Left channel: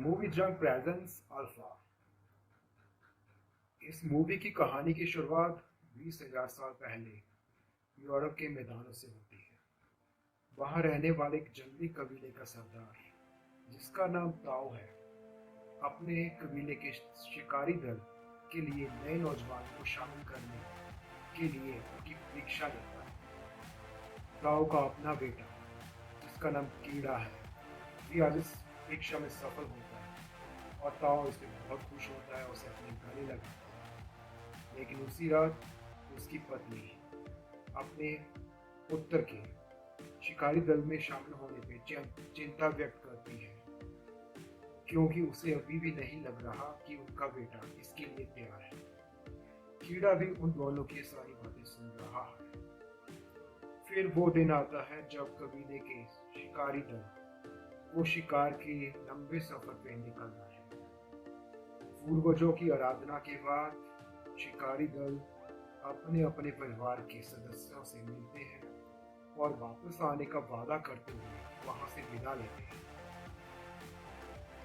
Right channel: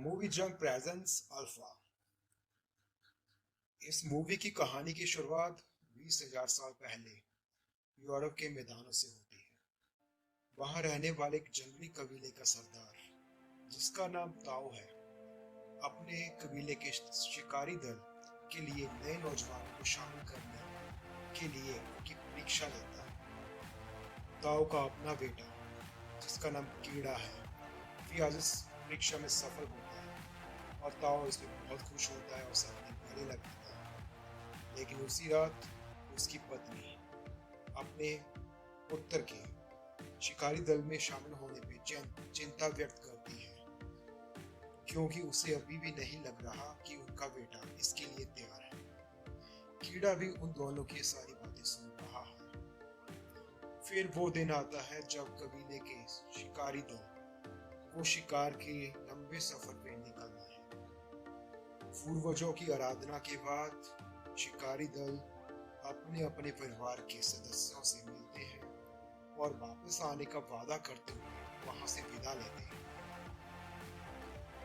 Movie जंग presence alpha. इस movie की कहानी की शुरुआत 20,000 साल पहले यूरोप के मैदानों से होती है। वहां रहने वाले एक जंगली कबीले का सरदार, जिसका नाम ताओ है, अपने कबीले के शिकारी दल के लिए नए नौजवानों को शामिल करने के लिए उनकी परीक्षा लेता है। ताओ का अपना बेटा, जिसका नाम कीड़ा है, भी आज इस परीक्षा में सफल होता है और ताओ इसमें बहुत खुश होता है और उसे अपने गले लगाता है। लेकिन उसी रात उसकी पत्नी अपने पुत्र के शिकारी दल में शामिल होने पे चिंता व्यक्त करती है, क्योंकि उसे अभी भी नहीं लग रहा कि उनका बेटा इसके लिए तैयार है। कीड़ा भी उन दोनों की सारी बातें सुन रहा है। फिर वो दिन आता है जब कबीले के शिकारी दल को शिकार के लंबे सफर पे निकलना है। पूर्वजों की आराधना के बाद शिकारी दल अपने अपने परिवार के सदस्यों से मिलते हैं और वापस आने का वादा करते हुए वहां से विदा लेते हैं।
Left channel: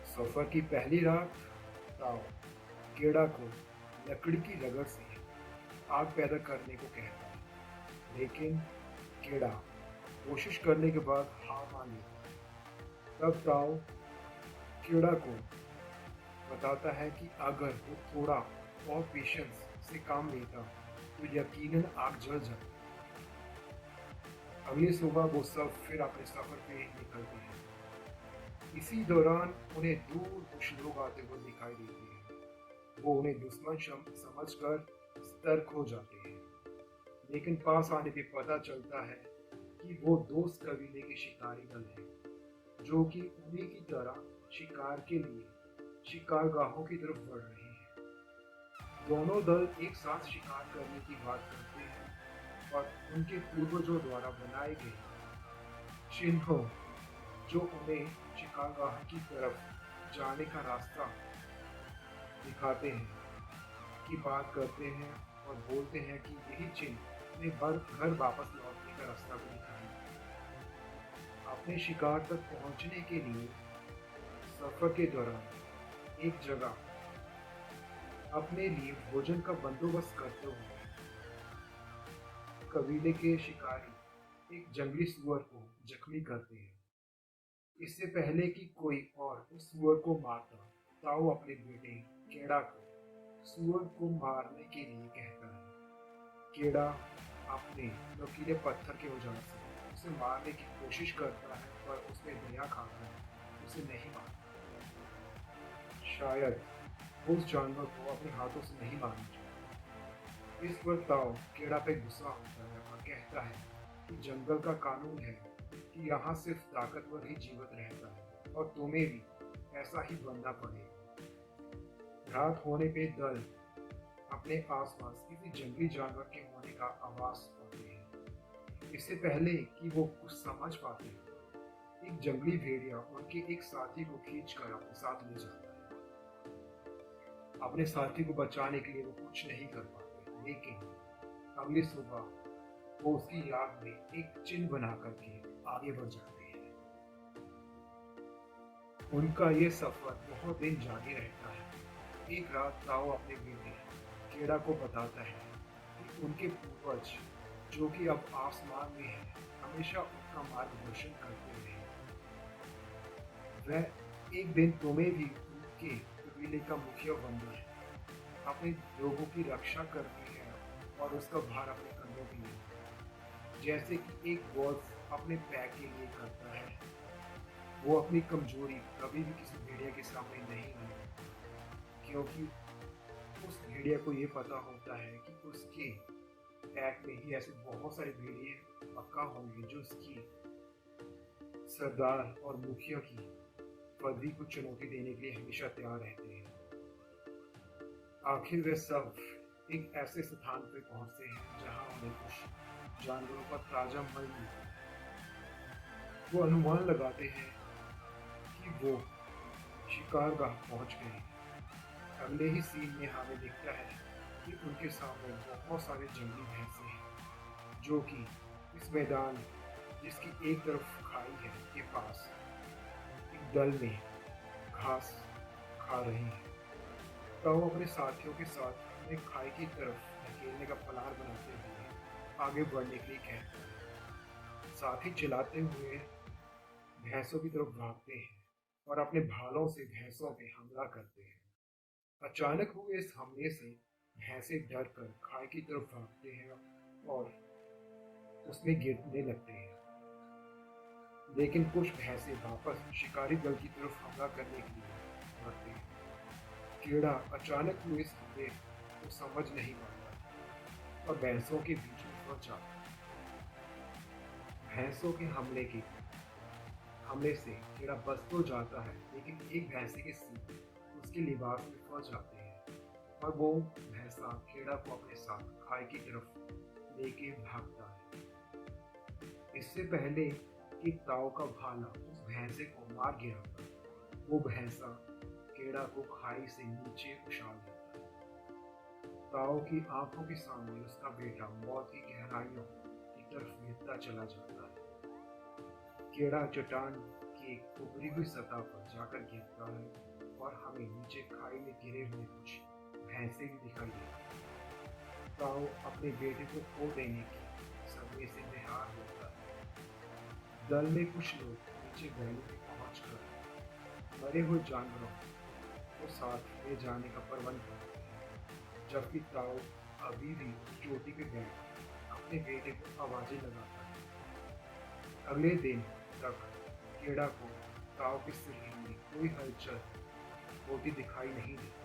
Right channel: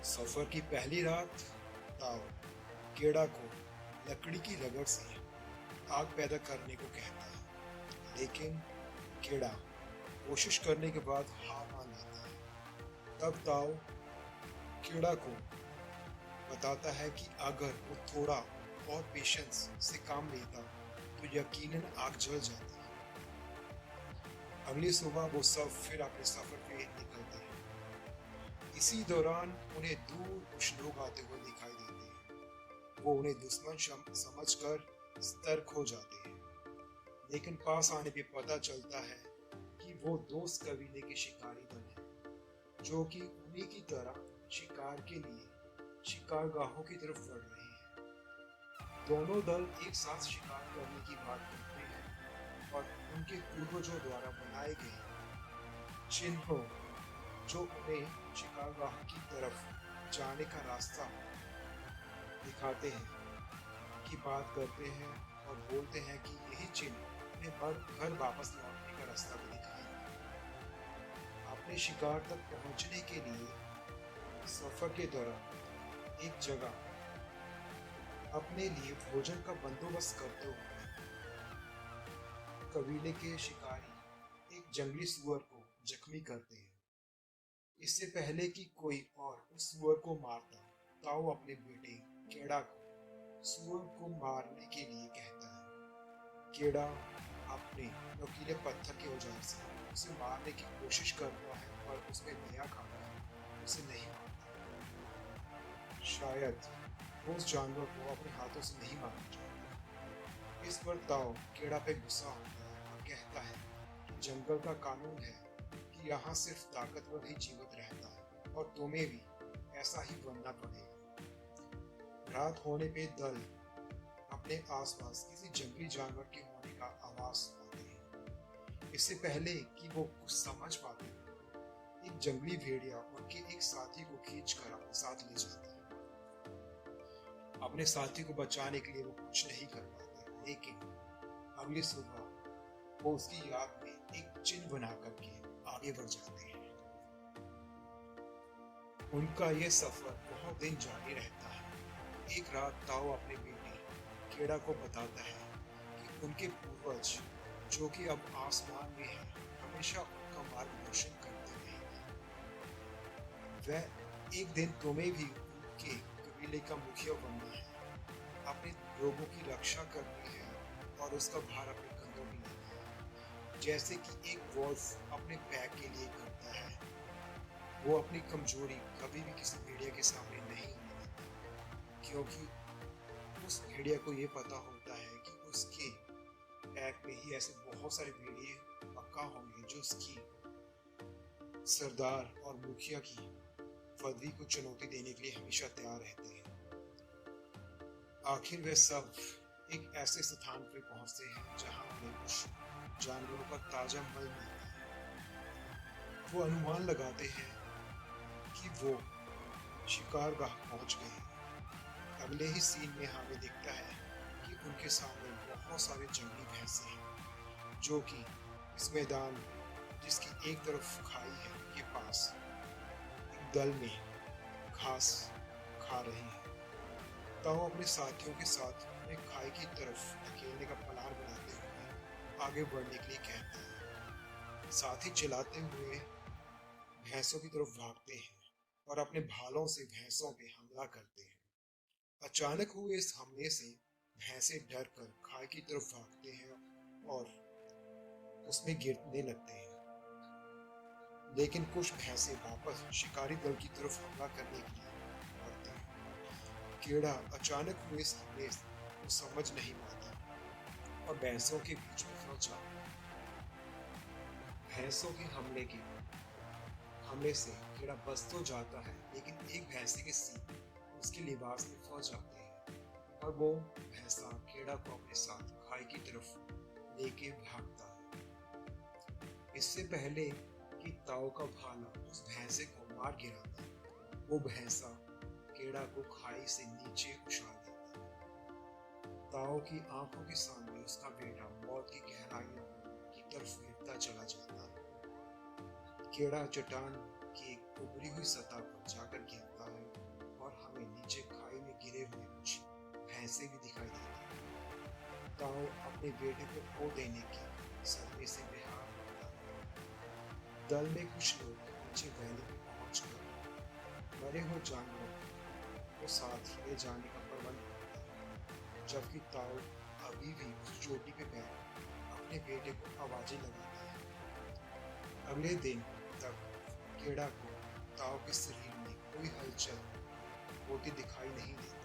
सफर की पहली रात ताओ केड़ा को लकड़ी की रगड़ से आग पैदा करने को कहता है, लेकिन केड़ा कोशिश करने के बाद हार मान लेता है। तब ताओ केड़ा को बताता है कि अगर वो थोड़ा और पेशेंस से काम लेता तो यकीनन आग जल जाती। अगली सुबह वो सब फिर अपने सफर पे निकलते हैं। इसी दौरान उन्हें दूर कुछ लोग आते हुए दिखाई देते हैं। वो उन्हें दुश्मन समझकर सतर्क हो जाते हैं, लेकिन पास आने पे पता चलता है कि वो दोस्त कबीले के शिकारी दल हैं, जो कि उन्हीं की तरह शिकार के लिए शिकारगाहों की तरफ बढ़ रहे हैं। दोनों दल एक साथ शिकार करने की बात करते हैं और उनके पूर्वजों द्वारा बनाए गए चिन्हों, जो उन्हें शिकारगाह की तरफ जाने का रास्ता दिखाते हैं, की बात करते हैं और बोलते हैं कि यही चिन्ह उन्हें घर वापस लौटने का रास्ता भी दिखाएंगे। अपने शिकार तक पहुंचने के लिए सफर के दौरान एक जगह अपने लिए भोजन का बंदोबस्त करते हुए कबीले के शिकारी एक जंगली सुअर को जख्मी करते हैं। इससे पहले कि कोई और उस सुअर को मारता, ताओ अपने बेटे केड़ा को सुअर को मारने के लिए कहता है। केड़ा अपने नुकीले पत्थर के औजार से उसे मारने की कोशिश करता है, पर उसमें दया खाकर उसे नहीं मारता। शायद उस जानवर को अपने हाथों से नहीं मारना चाहता। इस पर ताओ केड़ा पे गुस्सा होता है और कहता है कि जंगल का कानून है कि यहाँ सिर्फ ताकतवर ही जीवित रहता है और तुम्हें भी ऐसा ही बनना पड़ेगा। रात होने पे दल अपने आसपास किसी जंगली जानवर के होने का आवाज पाते हैं। इससे पहले कि वो कुछ समझ पाते, एक जंगली भेड़िया उनके एक साथी को खींचकर अपने साथ ले जाता है। अपने साथी को बचाने के लिए वो कुछ नहीं कर पाते, लेकिन अगली सुबह वो उसकी याद में एक चिन्ह बना करके आगे बढ़ जाते हैं। उनका ये सफर बहुत दिन जारी रहता है। एक रात ताओ अपने बेटे केड़ा को बताता है कि उनके पूर्वज, जो कि अब आसमान में है, हमेशा उनका मार्गदर्शन करते रहेंगे। वह एक दिन तुम्हें भी उनके कबीले का मुखिया बनना है, अपने लोगों की रक्षा करनी है और उसका भार अपने कंधों पे लेना है, जैसे कि एक वॉल्फ अपने पैक के लिए करता है। वो अपनी कमजोरी कभी भी किसी भेड़िया के सामने नहीं होने देता, क्योंकि उस भेड़िया को ये पता होता है कि उसके पैक में ही ऐसे बहुत सारे भेड़िए पक्का होंगे जो उसकी सरदार और मुखिया की पदवी को चुनौती देने के लिए हमेशा तैयार रहते हैं। आखिर वे सब एक ऐसे स्थान पर पहुंचते हैं जहां उन्हें कुछ जानवरों का ताजा मल मिलता है। वो अनुमान लगाते हैं कि वो शिकारगाह पहुंच गए हैं। अगले ही सीन में हमें दिखता है कि उनके सामने बहुत सारे जंगली भैंसे हैं, जो कि इस मैदान, जिसकी एक तरफ खाई है, के पास एक दल में घास खा रही है। ताऊ अपने साथियों के साथ उन्हें खाई की तरफ धकेलने का प्लान बनाते हुए आगे बढ़ने के लिए कहता है। साथी चिल्लाते हुए भैंसों की तरफ भागते हैं और अपने भालों से भैंसों पे हमला करते हैं। अचानक हुए इस हमले से भैंसे डर कर खाई की तरफ भागते हैं और उसमें गिरने लगते हैं। लेकिन कुछ भैंसे वापस शिकारी दल की तरफ हमला करने के लिए बढ़ते हैं। कीड़ा अचानक हुए इस हमले को समझ नहीं पाता और भैंसों के बीच में फंस जाता है। भैंसों के हमले से कीड़ा बच तो जाता है, लेकिन एक भैंसे के सींग उसके लिबास में फंस जाते हैं और वो भैंसा कीड़ा को अपने साथ खाई की तरफ लेके भागता है। इससे पहले कि ताऊ का भाला उस भैंसे को मार गिराता, वो भैंसा कीड़ा को खाई से नीचे उछाल देता है। ताऊ की आंखों के सामने उसका बेटा मौत की गहराइयों की तरफ गिरता चला जाता है। कीड़ा चट्टान की एक उभरी हुई सतह पर जाकर गिरता है और हमें नीचे खाई में गिरे हुए कुछ भैंसे भी दिखाई देती हैं। ताऊ अपने बेटे को खो देने के सदमे से बेहाल होता है। दल में कुछ लोग नीचे वैली में पहुंचकर मरे हुए जानवरों को साथ ले जाने का प्रबंध करते हैं, जबकि ताऊ अभी भी उस चोटी पे बैठ अपने बेटे को आवाजें लगाता है। अगले दिन तक कीड़ा को ताऊ के शरीर में कोई हलचल होती दिखाई नहीं देती।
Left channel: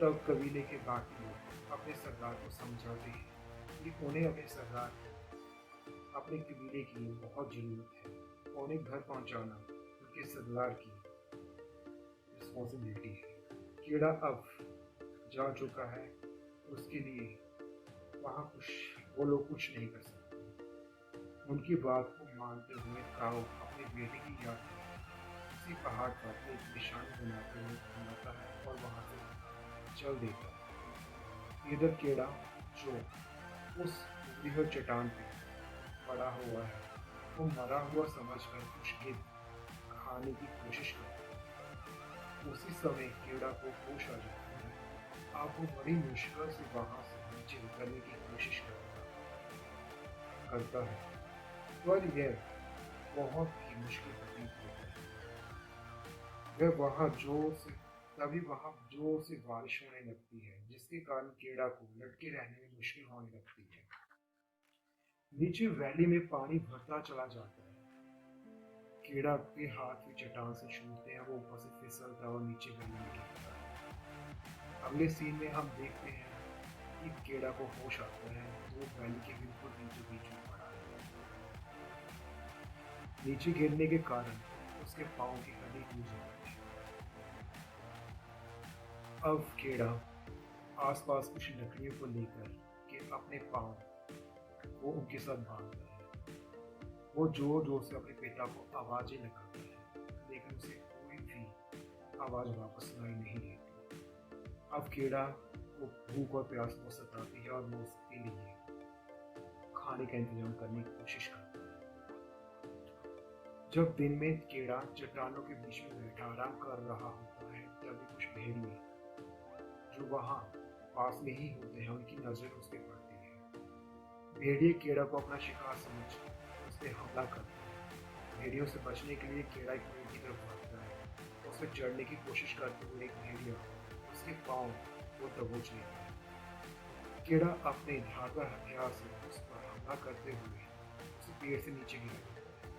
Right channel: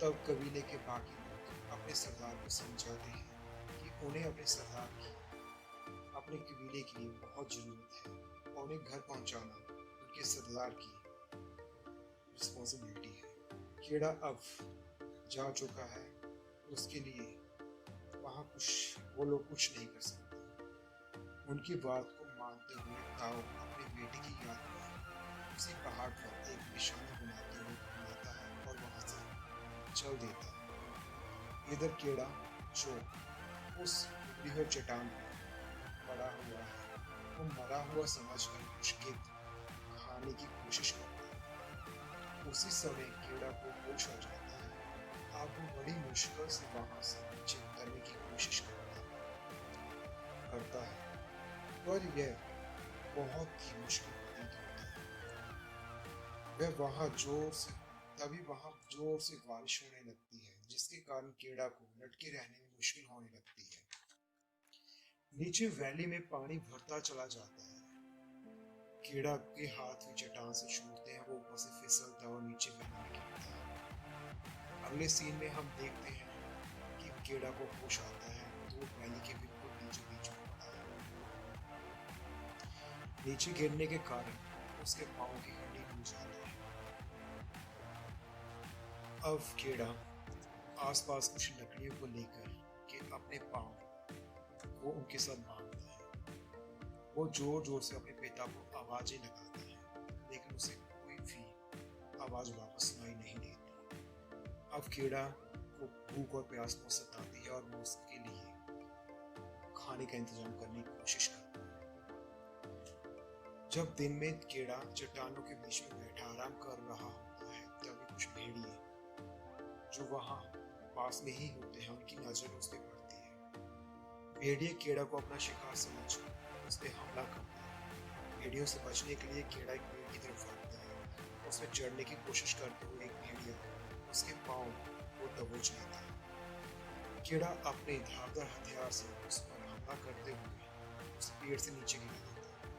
तब कबीले के बाकी लोग अपने सरदार को समझाते हैं कि उन्हें अपने सरदार की अपने कबीले के लिए बहुत जरूरत है और उन्हें घर पहुंचाना उनके सरदार की रिस्पॉन्सिबिलिटी है। कीड़ा अब जा चुका है, उसके लिए वहां वो लोग कुछ नहीं कर सकते। उनकी बात को मानते हुए ताऊ अपने बेटे की याद में उसी पहाड़ पर एक निशानी बनाता है और वहां से चल देता है। इधर कीड़ा जो उस उभरी हुई चट्टान पर पड़ा हुआ है, वो मरा हुआ समझकर कुछ गिद्ध खाने की कोशिश करता है। उसी समय कीड़ा को होश आ जाता है। अब वो बड़ी मुश्किल से वहां से नीचे उतरने की कोशिश करता है, पर यह बहुत ही मुश्किल प्रतीत होता है। तभी वहां जोर से बारिश होने लगती है, जिसके कारण कीड़ा को लटके रहने में मुश्किल होने लगती है। नीचे वैली में पानी भरता चला जाता है। कीड़ा के हाथ भी चट्टान से छूटते हैं, वो ऊपर से फिसलता है और नीचे वैली में गिरता है। अगले सीन में हम देखते हैं कि कीड़ा को होश आता है तो वो वैली के बिल्कुल बीचों बीच में पड़ा है। नीचे गिरने के कारण उसके पाँव की हड्डी टूट जाती है। अब कीड़ा आसपास कुछ लकड़ियों को लेकर के अपने पाँव को उनके साथ बांधता है। वो जोर जोर से अपने पिता को आवाजें लगाता है, लेकिन उसे कोई भी आवाज वापस सुनाई नहीं देती। अब कीड़ा को भूख और प्यास को सताती है और वो उसके लिए खाने का इंतजाम करने की कोशिश करता है। जब दिन में कीड़ा चट्टानों के बीच में बैठा आराम कर रहा होता है, तभी कुछ भेड़िए जो वहां पास में ही होते हैं, उनकी नजर उस पर पड़ती है। भेड़िए कीड़ा को अपना शिकार समझ उस पर हमला करता है। भेड़ियों से बचने के लिए कीड़ा एक पेड़ की तरफ भागता है। उस पर चढ़ने की कोशिश करते हुए एक भेड़िया उसके पाँव को दबोच लेता है। कीड़ा अपने धारदार हथियार से उस पर हमला करते हुए उसे पेड़ से नीचे गिरा देता है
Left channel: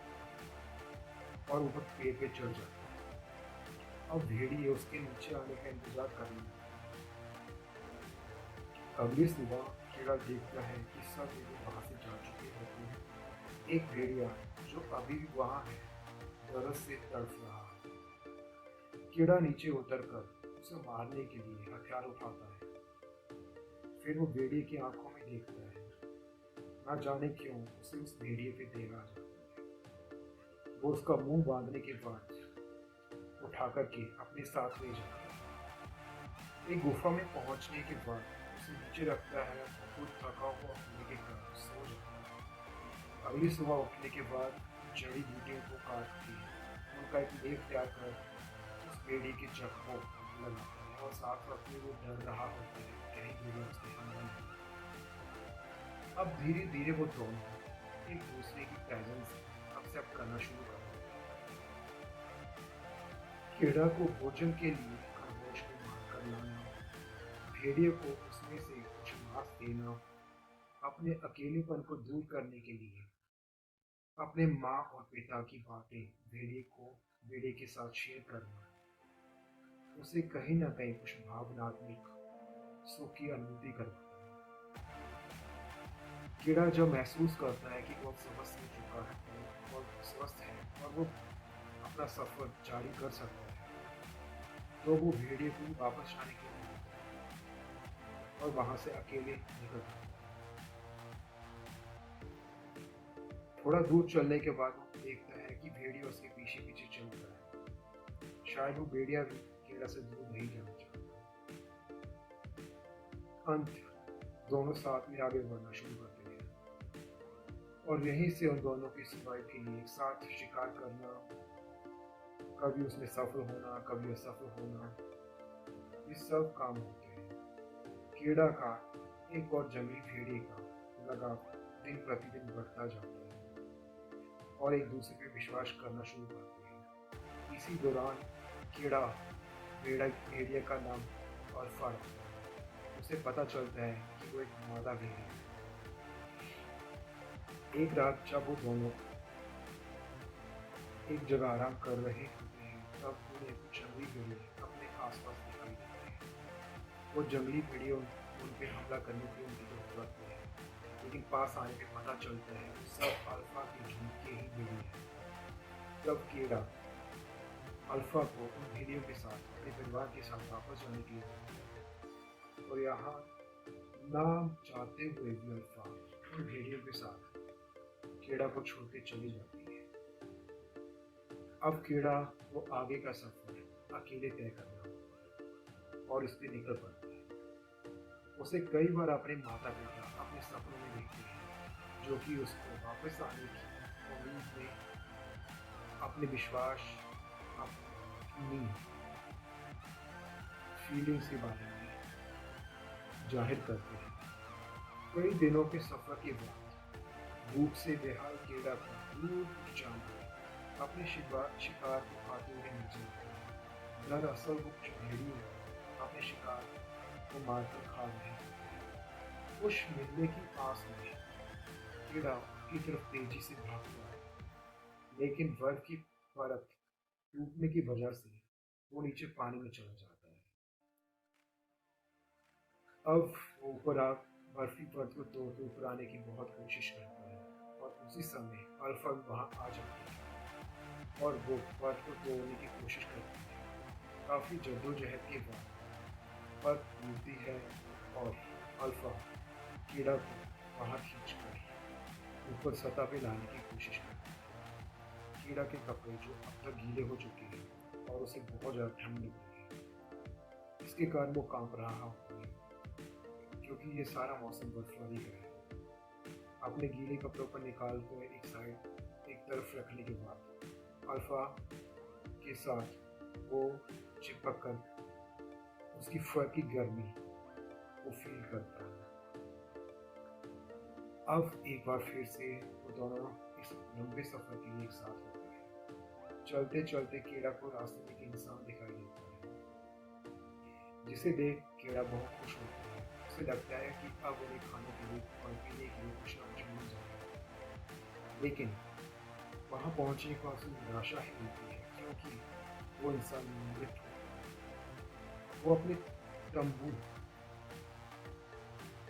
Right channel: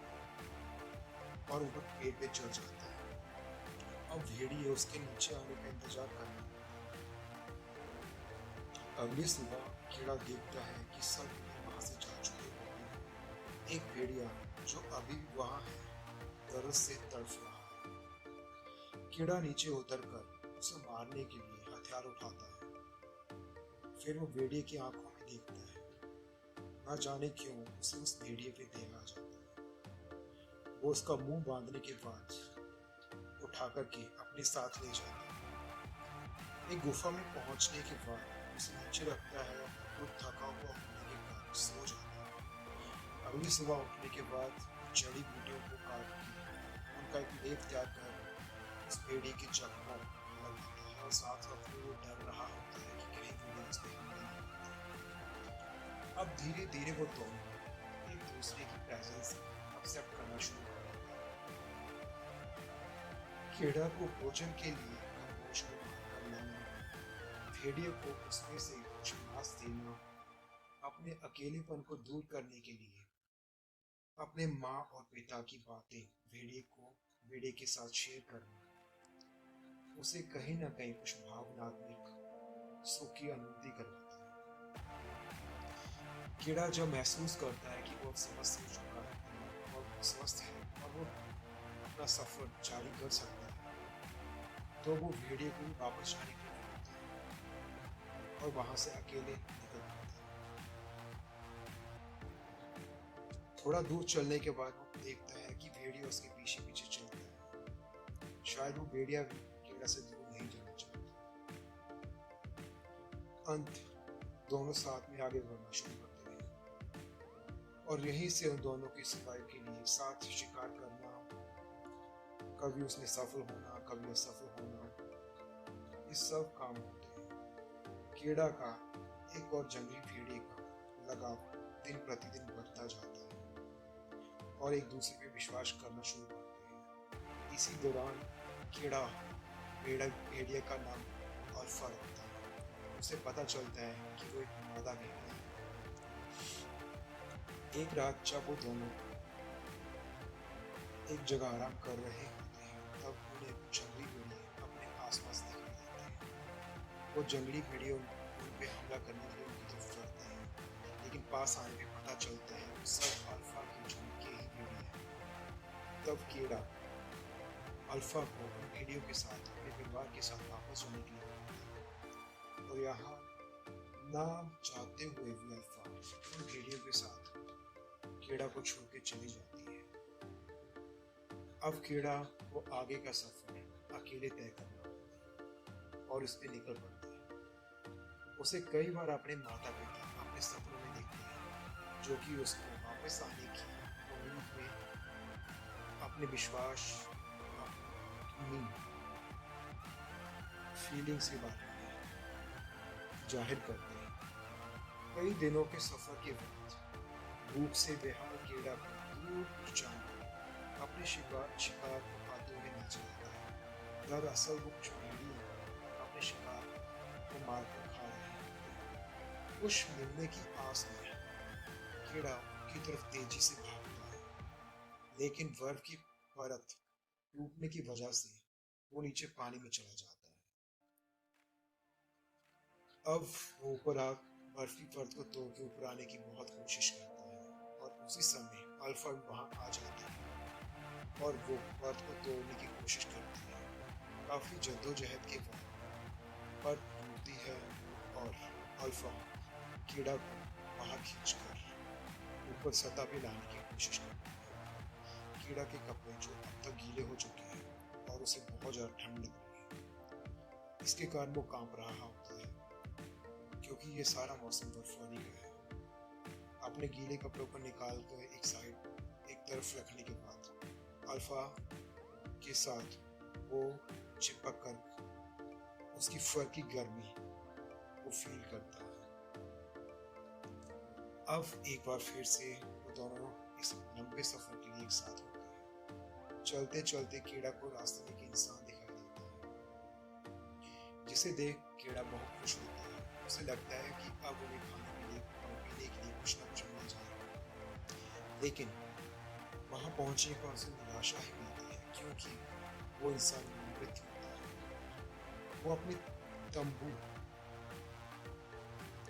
और ऊपर पेड़ पे चढ़ जाता है। अब भेड़िए उसके नीचे आने का इंतजार करने लगता है। अगली सुबह कीड़ा देखता है कि सब भेड़िए वहां से जा चुके होते हैं। एक भेड़िया जो अभी भी वहां है, दर्द से तड़फ रहा है। कीड़ा नीचे उतरकर उसे मारने के लिए हथियार उठाता है। फिर वो भेड़िए की आंखों में देखता है। न जाने क्यों उसे उस भेड़िए पे दया आ जाता है। वो उसका मुंह बांधने के बाद उठा करके अपने साथ ले जाता है। एक गुफा में पहुंचने के बाद उसे नीचे रखता है तो थका हुआ होने के कारण सो जाता है। अगली सुबह उठने के बाद जड़ी बूटियों को काट के उनका एक लेप तैयार कर उस भेड़िए के जख्मों को लगाता है और साथ साथ में वो डर रहा होता है कि कहीं भेड़िया उस पर हमला न कर दे। अब धीरे धीरे वो दोनों एक दूसरे की प्रेजेंस एक्सेप्ट करना शुरू कर देते हैं। कीड़ा को भोजन के लिए खरगोश को मारकर लाना, भेड़िए को उसमें से कुछ मांस देना, अपने अकेलेपन को दूर करने के लिए अपने माँ और पिता की बातें भेड़िए के साथ शेयर करना, उसे कहीं ना कहीं कुछ भावनात्मक सुख की अनुभूति करवाता है। कीड़ा जब महसूस करता है कि वो अब स्वस्थ हो चुका है और स्वस्थ है और वो अपना सफर जारी कर सकता है, तो वो भेड़िए को वापस जाने के लिए बोलता है और वहां से अकेले निकल पड़ता है। थोड़ा दूर चलने के बाद वो देखता है कि भेड़िया उसके पीछे पीछे चलता है। शायद वो भेड़िया भी कीड़ा से दूर नहीं जाना चाहता। अंत दोनों साथ में आगे बढ़ना शुरू करते हैं और यहीं से उन दोनों की सर्वाइव के लिए एक साथ शिकार करना, कभी उसमें सफल होना, कभी असफल होना, ये सब काम होते हैं। कीड़ा का एक और जंगली भेड़िए का लगाव दिन प्रतिदिन बढ़ता जाता है और एक दूसरे पे विश्वास करना शुरू करते हैं। इसी दौरान कीड़ा भेड़िया का नाम अल्फा रखता है। उसे पता चलता है कि वो एक मादा भेड़िया है। एक रात जब वो दोनों एक जगह आराम कर रहे होते हैं, तब उन्हें कुछ जंगली भेड़िए अपने आसपास दिखाई देते हैं। वो जंगली भेड़िए उन पे हमला करने के लिए उनकी तरफ बढ़ते हैं, लेकिन पास आने पे पता चलता है वो सब अल्फा के झुंड के ही भेड़िए हैं। तब कीड़ा अल्फा को उन भेड़ियों के साथ अपने परिवार के साथ वापस जाने के लिए बोलता है और यहाँ ना चाहते हुए भी अल्फा उन भेड़ियों के साथ कीड़ा को छोड़ के चली जाती है। अब कीड़ा को आगे का सफर अकेले तय करना होता है और इस पे निकल पड़ता है। उसे कई बार अपने माता पिता अपने सपनों में देखते हैं, जो कि उसको वापस आने की उम्मीद में अपने विश्वास, अपनी फीलिंग्स के बारे में जाहिर करते हैं। कई दिनों के सफर के बाद भूख से बेहाल कीड़ा को दूर कुछ जानवर अपने शिकार को खाते हुए नजर आता है। दरअसल वो कुछ भेड़िए अपने शिकार को मारकर खा रहे हैं। कुछ मिलने की आस में कीड़ा की तरफ तेजी से भागता है, लेकिन बर्फ की परत टूटने की वजह से वो नीचे पानी में चला जाता है। अब ऊपर आग बर्फी परत को तोड़ के ऊपर आने की बहुत कोशिश करता है और उसी समय अल्फा वहां आ जाती है और वो परत को तोड़ने की कोशिश करती है। काफी जद्दोजहद के बाद परत टूटती है और अल्फा कीड़ा को बाहर खींचकर ऊपर सतह पे लाने की कोशिश करती है। कीड़ा के कपड़े जो अब तक गीले हो चुके हैं और उसे बहुत ज्यादा ठंड लग रही है, इसके कारण वो कांप रहा होता है क्योंकि ये सारा मौसम बर्फबारी का है। अपने गीले कपड़ों को निकाल कर एक तरफ रखने के बाद अल्फा के साथ वो चिपक कर उसकी फर की गर्मी को फील करता है। अब एक बार फिर से वो दोनों इस लंबे सफर के लिए एक साथ होते हैं। चलते चलते कीड़ा को रास्ते में एक इंसान दिखाई देता है, जिसे देख कीड़ा बहुत खुश होता है। उसे लगता है कि अब उन्हें खाने के लिए और पीने के लिए कुछ न कुछ मिल जाएगा, लेकिन वहां पहुंचने पर उसे निराशा ही मिलती है क्योंकि वो इंसान मृत होता है। वो अपने तंबू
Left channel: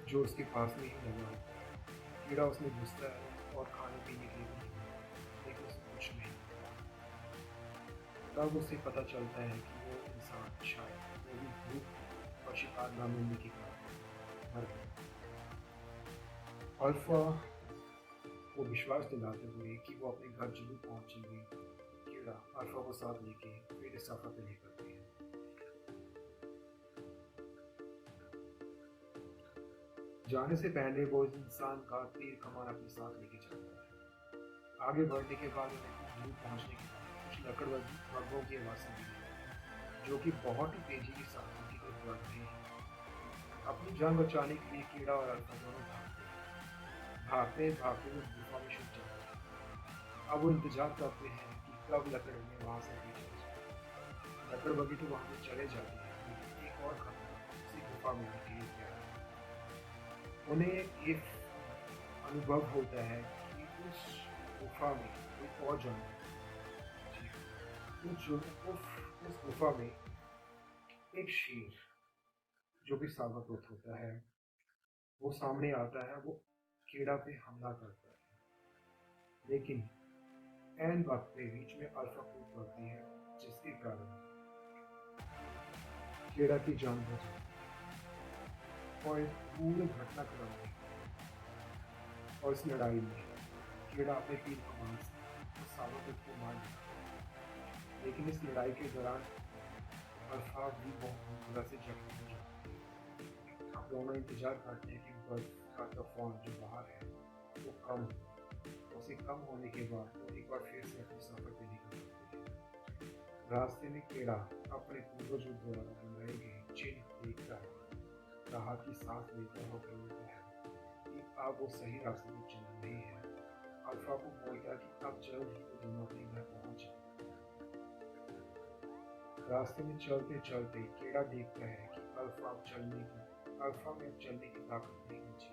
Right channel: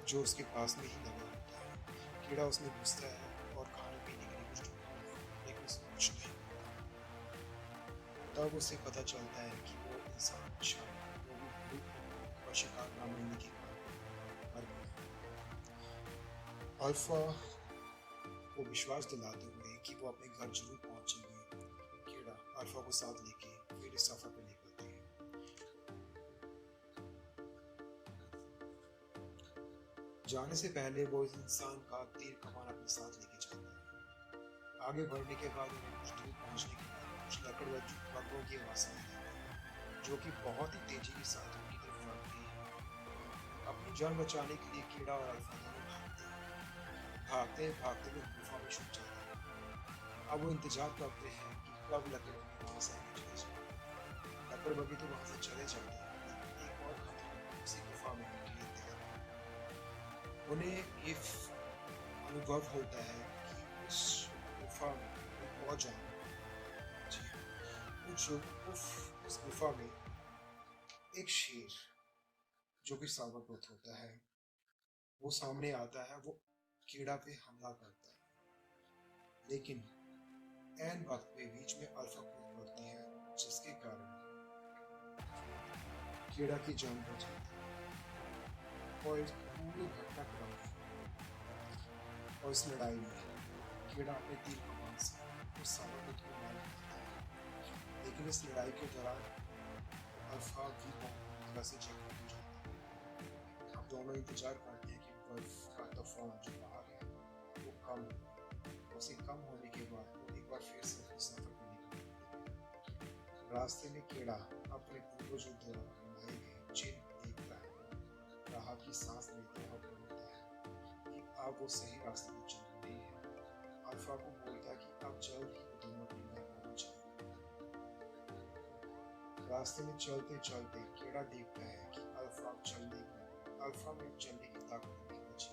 जो उसके पास में ही लगा होता है, कीड़ा उसमें घुसता है और खाने पीने के लिए कुछ ढूंढता है, लेकिन उसे कुछ नहीं मिलता। तब उसे पता चलता है कि वो इंसान शायद वो भी भूख और शिकार न मिलने के कारण मर गया। अल्फा को विश्वास दिलाते हुए कि वो अपने घर जरूर पहुंचेंगे, कीड़ा अल्फा को साथ लेके फिर इस सफर पे निकलते हैं। जाने से पहले वो इस इंसान का तीर कमान अपने साथ लेके जाता है। आगे बढ़ने के बाद कुछ दूर पहुंचने के बाद कुछ लकड़बग्घों की आवाज सुनाई देती है। जो कि बहुत ही तेजी के साथ उनकी तरफ बढ़ते हैं। अपनी जान बचाने के लिए कीड़ा और अल्फा दोनों भागते भागते हुए गुफा में छुप जाते हैं। अब वो इंतजार करते हैं कि कब लकड़ उन्हें वहां से भेज ले जाए। लकड़ बगी तो वहां से चले जाते हैं, लेकिन एक और खतरा उसी गुफा में उनके लिए तैयार है। उन्हें ये अनुभव होता है कि उस गुफा में एक और जानवर, जी हाँ, उस गुफा में एक शेर जो कि सावक होता है, वो सामने आता है। वो कीड़ा पे हमला करता है, लेकिन ऐन वक्त पे बीच में अल्फा कूद पड़ती है, जिसके कारण कीड़ा की जान बच जाती है। और इस पूरे घटनाक्रम में और इस लड़ाई में कीड़ा अपने तीर कमान से उस सावक को मार देता है। लेकिन इस लड़ाई के दौरान अल्फा भी बहुत बुरी तरह से जख्मी हो जाती है। हम दोनों इंतजार करते हैं कि बर्फ का तूफान जो बाहर है वो कम हो। उसे कम होने के बाद वो एक बार फिर से अपने सफर पे निकल पड़ते हैं। रास्ते में कीड़ा अपने पूर्वजों द्वारा बनाए गए चिन्ह देखकर राहत की सांस लेता हुआ बोलता है कि अब वो सही रास्ते पर चल रही है। अल्फा को बोलता है कि अब जल्द ही वो दोनों अपने घर पहुंच जाएंगे। रास्ते में चलते चलते कीड़ा देखता है कि अल्फा में अब चलने की ताकत नहीं बची।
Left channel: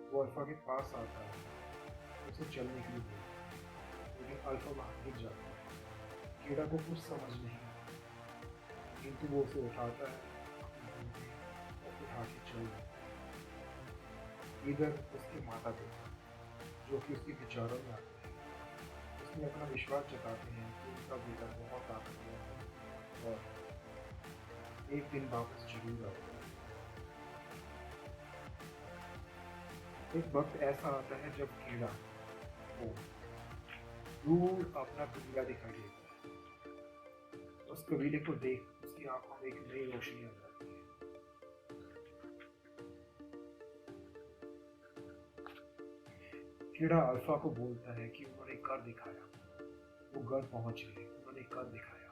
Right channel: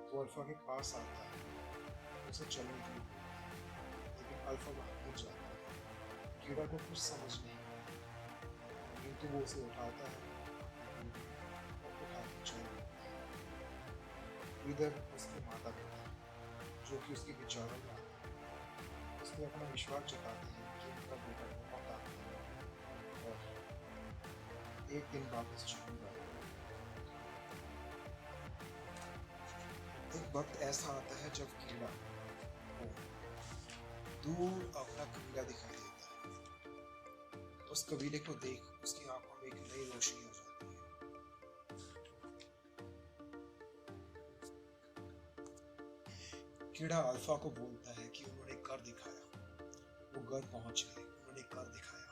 तो अल्फा के पास आता है, उसे चलने के लिए बोलता है, लेकिन अल्फा वहां गिर जाता है। कीड़ा को कुछ समझ नहीं आता, किंतु वो उसे उठाता है और उठा के चल देता है। इधर उसके माता पिता, जो कि उसके विचारों में आते हैं, उसमें अपना विश्वास जताते हैं कि उनका बेटा बहुत ताकतवर है और एक दिन वापस जरूर आएगा। एक वक्त ऐसा आता है जब कीड़ा को दूर अपना कबीला दिखाई देता है। उस कबीले को देख उसकी आंखों में एक नई रोशनी आ जाती है। कीड़ा अल्फा को बोलता है कि उन्होंने कर दिखाया, वो घर पहुंच गए, उन्होंने कर दिखाया।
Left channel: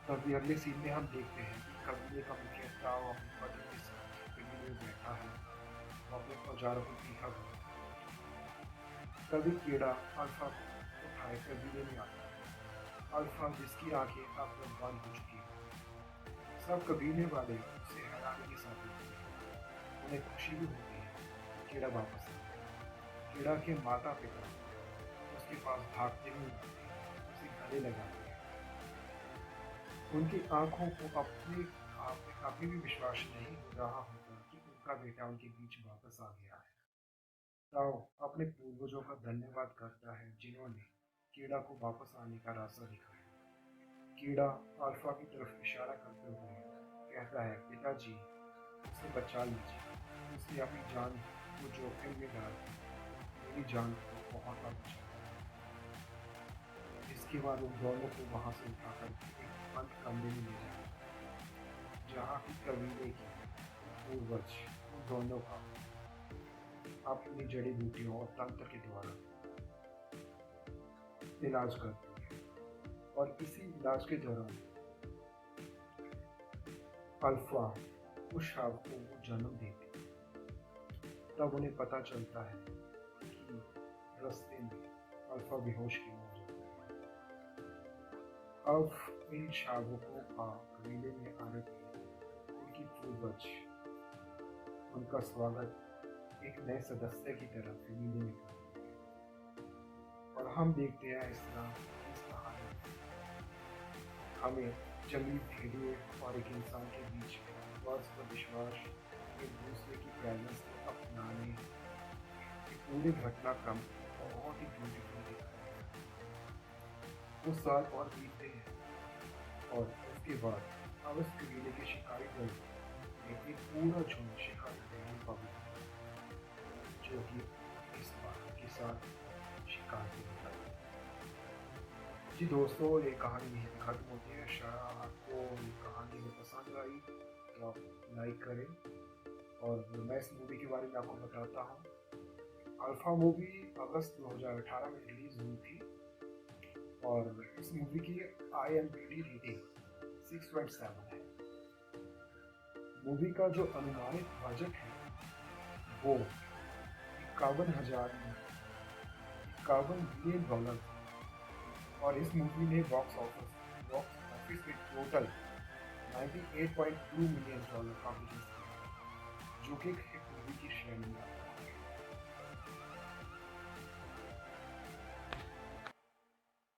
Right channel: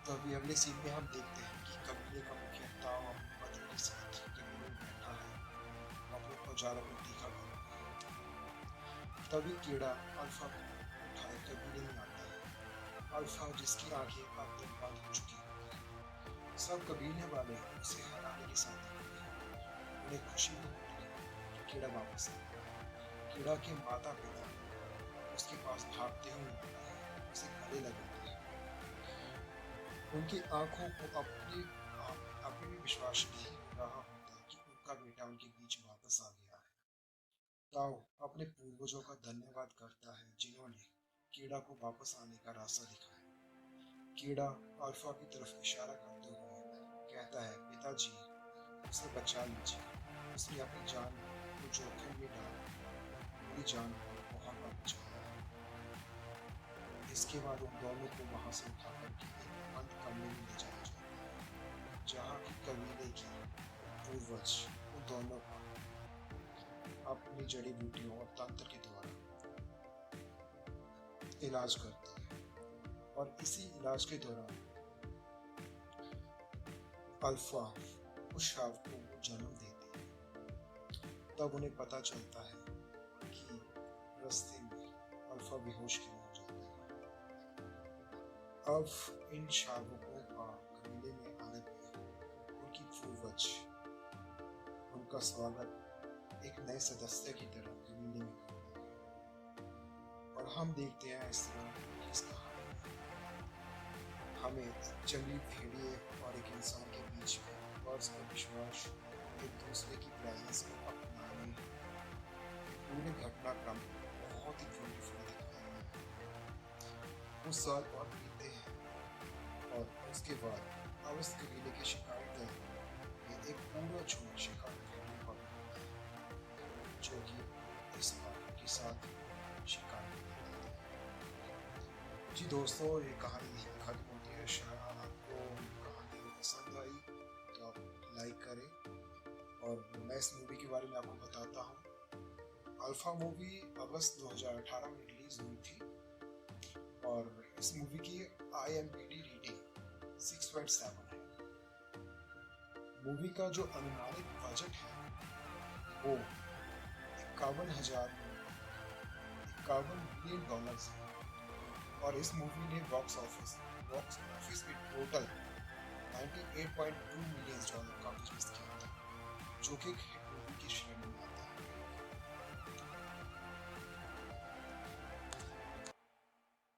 तो अभी अगले सीन में हम देखते हैं कि कबीले का मुखिया ताऊ अपनी पत्नी के साथ कबीले में बैठा है और अपने औजारों को तीखा कर रहा है। तभी कीड़ा अल्फा को उठाए कबीले में आता है। अल्फा जिसकी आंखें अब तक बंद हो चुकी हैं। सब कबीले वाले उसे हराने के साथ देखते हैं। उन्हें खुशी भी होती है कि कीड़ा वापस आ गया। कीड़ा के माता पिता उसके पास भागते हुए आते हैं, उसे गले लगाते हैं। उनकी आंखों को अपने भी विश्वास नहीं हो रहा होता कि उनका बेटा उनके बीच वापस आ गया है। ताओ अपने पूर्वजों का धन्यवाद करता है जिन्होंने कीड़ा को वापस आने का रास्ता दिखाया। कीड़ा अल्फा की तरफ इशारा करते हुए कहता है, पिताजी उसे बचा लीजिए, उसने अपनी जान को जोखिम में डाल मेरी जान को बहुत बार बचाया। इसके बाद उन दोनों को वहां से उठा करके एक बंद कमरे में ले जाया जाता है, जहाँ की कबीले की पूर्वज उन दोनों का अपनी जड़ी बूटियों और तंत्र के द्वारा इलाज करती है। और इसी इलाज के दौरान अल्फा उस शावकों को जन्म देती है। तब उन्हें पता चलता है कि रास्ते में अल्फा बेहोश क्यों हो जाता है। अब इन शावकों का कबीले में आने पर उनकी पूर्वज उनका स्वागत एक नए सदस्य की तरह कबीले में करते हैं। और हम देखते हैं इस तरह की इस कहानी में हमें जंगली भेड़िए और एक इंसान के बीच में परस्पर विश्वास, एक दूसरे की प्रेजेंस को अपनाने, पूरे घटनाक्रम बहुत ही ब्यूटीफुल दिखाया है। कुछ साल और बीतते हैं और उसके बाद अवस्थ कबीले के शिकारी दल में एक पूरा झुंड शिकार करने को होता है, जो कि इस बार के साथ शिकार को निकलते हैं। जी दोस्तों, ये कहानी यहीं पे खत्म होती है। शायद आपको ये कहानी पसंद आई तो आप लाइक करें। और मैं इस मूवी के बारे में आपको बताता हूँ। अल्फा मूवी अगस्त 2018 में रिलीज हुई थी और इस मूवी की IMDb रेटिंग 6.7 है। मूवी का जो अनुमानित बजट है वो 51 मिलियन डॉलर्स है और इस मूवी ने बॉक्स ऑफिस में टोटल 98.2 मिलियन डॉलर का बिजनेस किया था, जो कि एक हिट मूवी की श्रेणी में आता है।